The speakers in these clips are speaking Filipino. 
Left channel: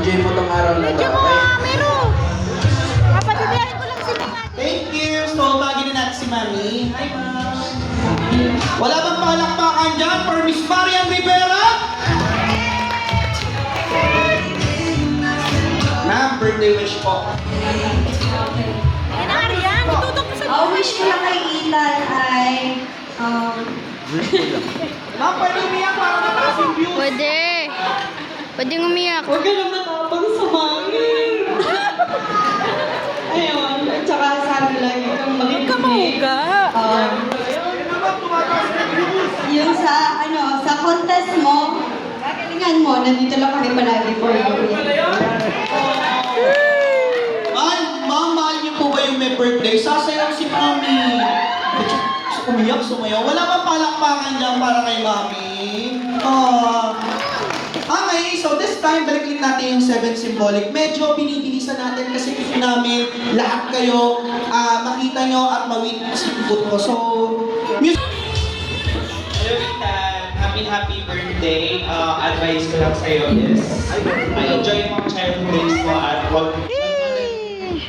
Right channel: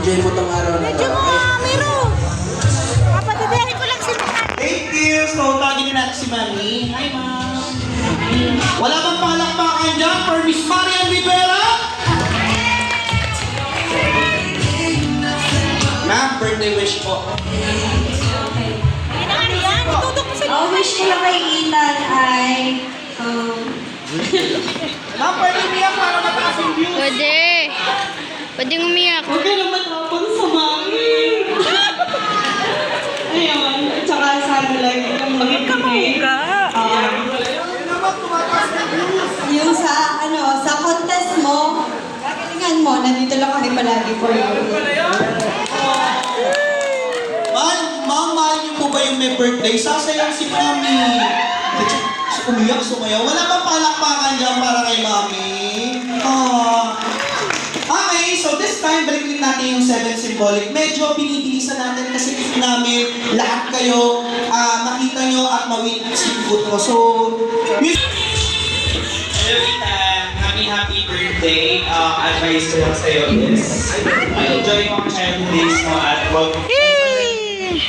enjoy mo tong araw na to. Okay? Meron. Kapatubiyahin ko lang si Mami. Thank you! So, bagay na natin si Mami. Hi, Ma'am! Wala bang palakpakan dyan for Miss Marian Rivera? Ma'am, birthday wish po. Ano yan? Itutok ko sa Ang wish ko lang kay Ethan ay, Ma'am, pwede umiyak para mataas yung views. Pwede. Pwedeng umiyak. huwag ka na matapang sa mami. Ayun, at saka sana lang yung maging yung sa, sa contest mo, kagalingan mo, nandito lang kami palagi for you. Ma'am, mahal niyo po ba yung may birthday? Sasayang si Mami. Umiyak, sumayaw. Wala bang palakpakan dyan para kay Mami? Okay, so this time, balik natin yung 7 symbolic. Medyo binibilisan natin kasi gusto namin lahat kayo makita nyo at ma-witness yung buto. So, Hello, Ethan. Happy birthday. Advice ko lang sa'yo is, enjoy mo ang childhood days mo at huwag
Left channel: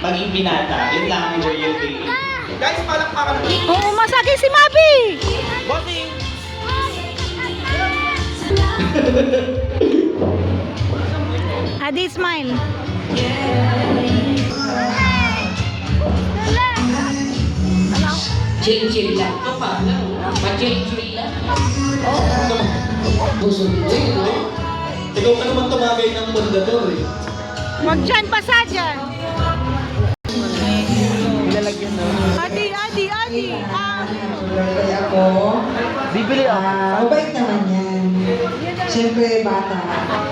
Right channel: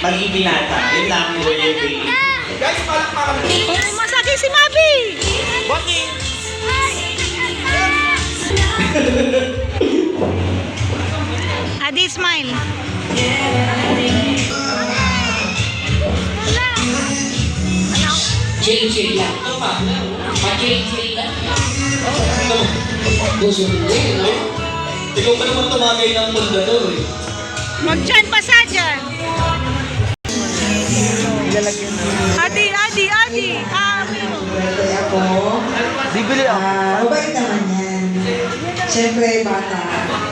maging binata. Yun lang, enjoy your day. guys, palakpakan mo. Oo, masakit si Mabi. Walking! Adi, smile. Chill lang. Ito pa. Chill lang. Gusto mo rin, no? Ikaw pa naman tumagay ng pundador eh. Mag-join pa sa dyan. Adi. Birthday ako. Bibili ako. Mabait naman yan. Siyempre, bata.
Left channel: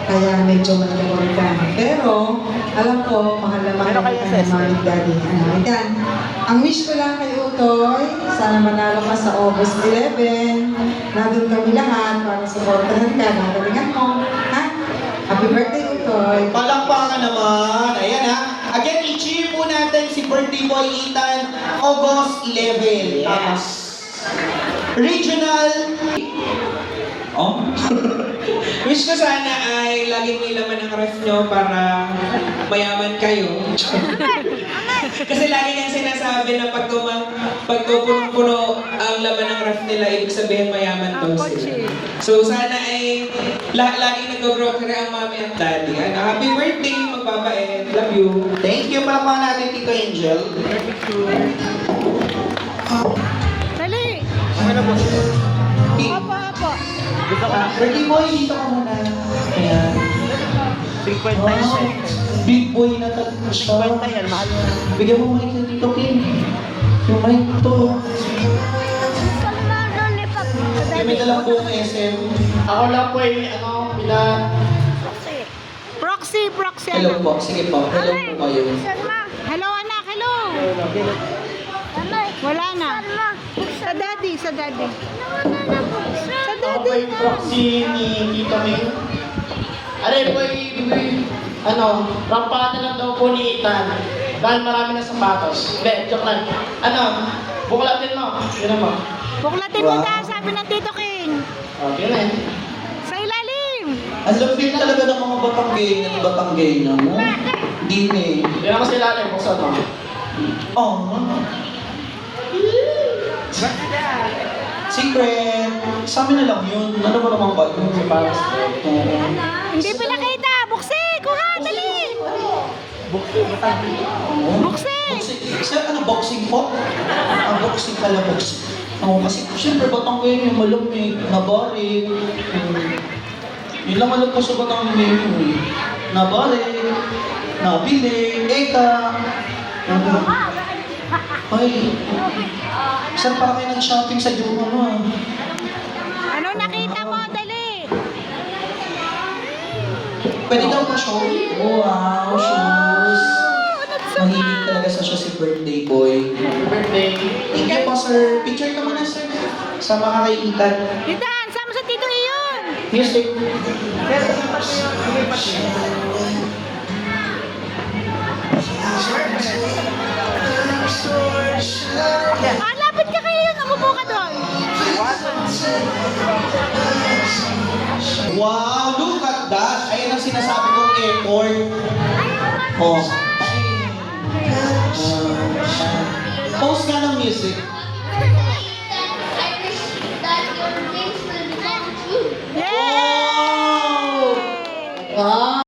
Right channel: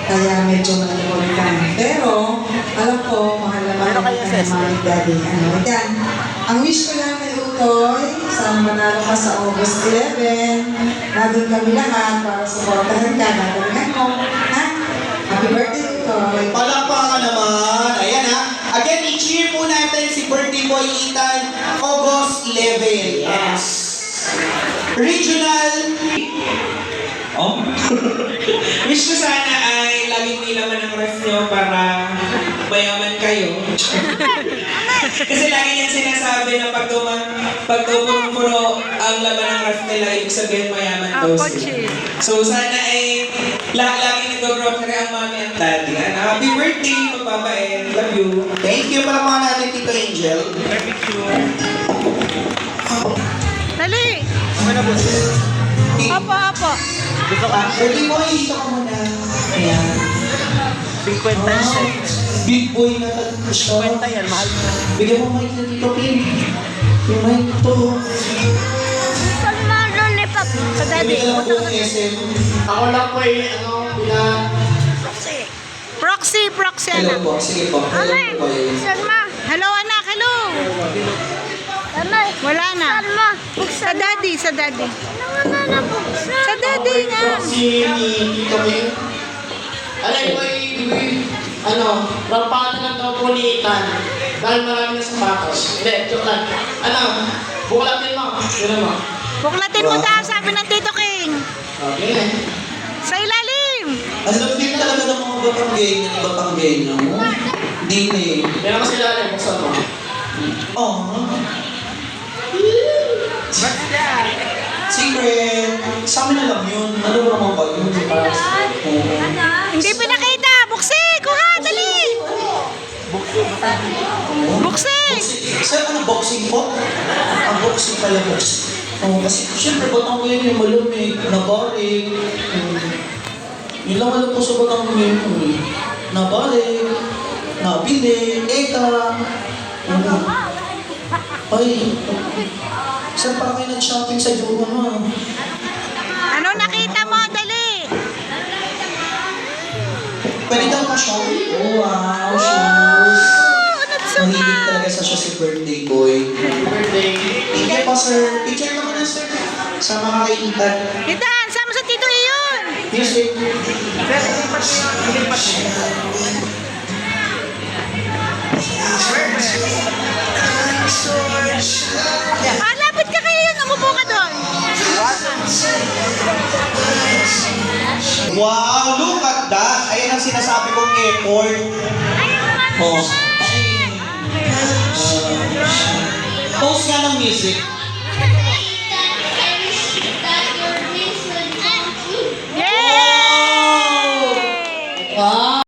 Kaya medyo malalawigan. Pero, alam ko, mahal naman ako ng mami daddy. Yan. Ang wish ko lang kay Utoy, sana manalo ka sa August 11. Nandun kami lahat para supportahan ka. Nagalingan mo. Ha? Happy birthday, Utoy. Palakpakan naman. Ayan ha. Again, i-cheer po natin si birthday boy Ethan, August 11. Yes. Regional. Oh. Wish ko sana ay laging may laman ang ref nyo para mayaman kayo. Kasi lagi niyang sinasabi na pag punong-puno ang laman ng ref nila, ibig sabihin mayaman daw sila. So sana ay lagi nag-grow ang mami at daddy. Happy birthday, magpapait. Love you. Thank you. Palakpakan natin, Tito Angel. Dali. Apo. Birthday boy, dito ka muna. Ayan. 50 big boy na talaga siya. 50 yan, mahal na. Bigyan mo mic na Tito Pin. Yung mic to. Sa daddy. Bigyan lang po ng SM. Ako lang po Proxy, Hello anak. po. Sige po. Hello po kayo. Hello, anak. Hello. Wala na. Sa daddy. Sa daddy na. Si Tito Ming. Rampatan lang daw po ni Ethan. Dahil marami na sapatos. Hindi, joke lang. Buklatin mo. Yun mo. Buklatin mo daw, sabi ng Tito King. Okay na. Sa ilalim. Ang lupit talaga ng mga Batanggenya mo. Hindi na eh. Yan naman sila rin. Buksan mo. Oh. Secret. Sa amin na lang yun. Ano ba naman ba yun? Oo. Hindi pinakita. Buksi, kuha, dali. Buksi. Ano, boxing po? Boxing pala, boxing. Oo, kasi siyempre Batanggenya yung malamig, nabarig. Yun lang alam ko sa Batanggenya. Nabarig, nabili, eka. Ay, saan pa kayo nag-shopping sa Juma na? Ano nakita mo? Dali. Pwede daw pa show? Oh, wow, shoes. Mahilig talaga sa siya si birthday boy. Birthday. Thank you po, sir. Picture ka muna, sir. Sa mga kaibigan. Itan, sama sa Tito Iyon. Music. Lapit ka kayo yun. Umupo ka doon. Wow, look at that. Ayan ang sinasabi kong effort. Oh. Post nga ng music.